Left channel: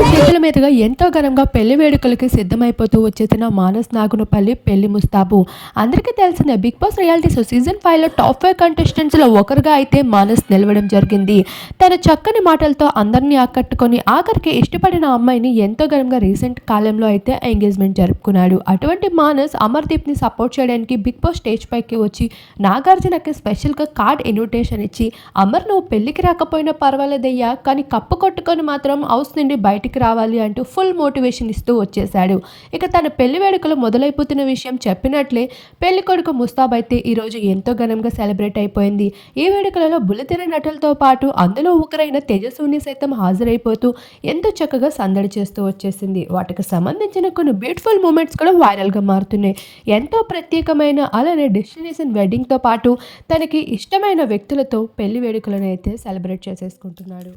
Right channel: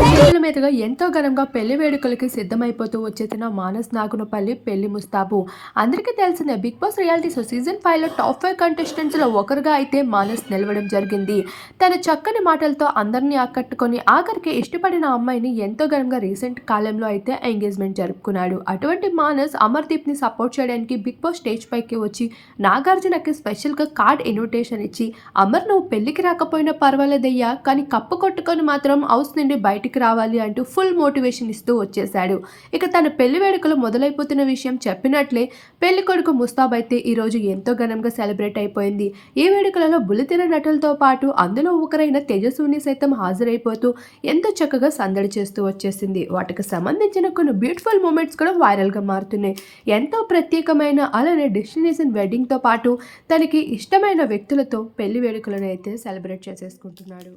వేదికల మీదుగా ఎంతో ఘనంగా పెళ్ళి వేడుకలకి సిద్ధమైపోతూ వచ్చేసిన మానస్ నాగునపల్లి పెళ్ళి ముస్తాబు. అందరికీ తెలిసిన Big Boss reality show season ఫైవ్లో టాప్ ఫైవ్ కంటెస్టెంట్స్లో ఒకరుగా అయితే మానస్ నిలవడం జరిగింది. తన చక్కని మాటలతో అందరినీ ఆకట్టుకొని ఆఖరికి ఇష్టపడిన అమ్మాయిని ఎంతో ఘనంగా రీసెంట్ కాలంలో అయితే ఎంగేజ్మెంట్ జరుపుకున్నాడు. అటువంటి మానస్ అమర్దీప్ని సపోర్ట్ చేయడానికి బిగ్ బాస్ స్టేజ్ పైకి వచ్చి నాగార్జునకి స్పెషల్గా కార్డ్ ఇన్విటేషన్ ఇచ్చి అమర్ నువ్వు పెళ్ళికి రాకపోయినా పర్వాలేదయ్యా కానీ కప్పు కొట్టుకొని మాత్రం హౌస్ నుండి బయటికి రావాలి అంటూ ఫుల్ మోటివేషన్ ఇస్తూ వచ్చేశాడు. ఇక తన పెళ్ళి వేడుకలు మొదలైపోతున్న విషయం చెప్పినట్లే పెళ్ళి కొడుకు ముస్తాబ్ అయితే ఈరోజు ఎంతో ఘనంగా సెలబ్రేట్ అయిపోయింది. ఈ వేడుకలలో బుల్లితెర నటులతో పాటు అందులో ఒకరైన తేజస్విని సైతం హాజరైపోతూ ఎంతో చక్కగా సందడి చేస్తూ వచ్చేసింది. వాటికి సంబంధించిన కొన్ని బ్యూటిఫుల్ మూమెంట్స్ కూడా వైరల్గా మారుతున్నాయి. ఎంతో ప్రత్యేకమైన అలానే డెస్టినేషన్ వెడ్డింగ్తో పాటు తనకి ఇష్టమైన వ్యక్తులతో పెళ్ళి వేడుకలను అయితే సెలబ్రేట్ చేసేసుకుంటున్నాడు.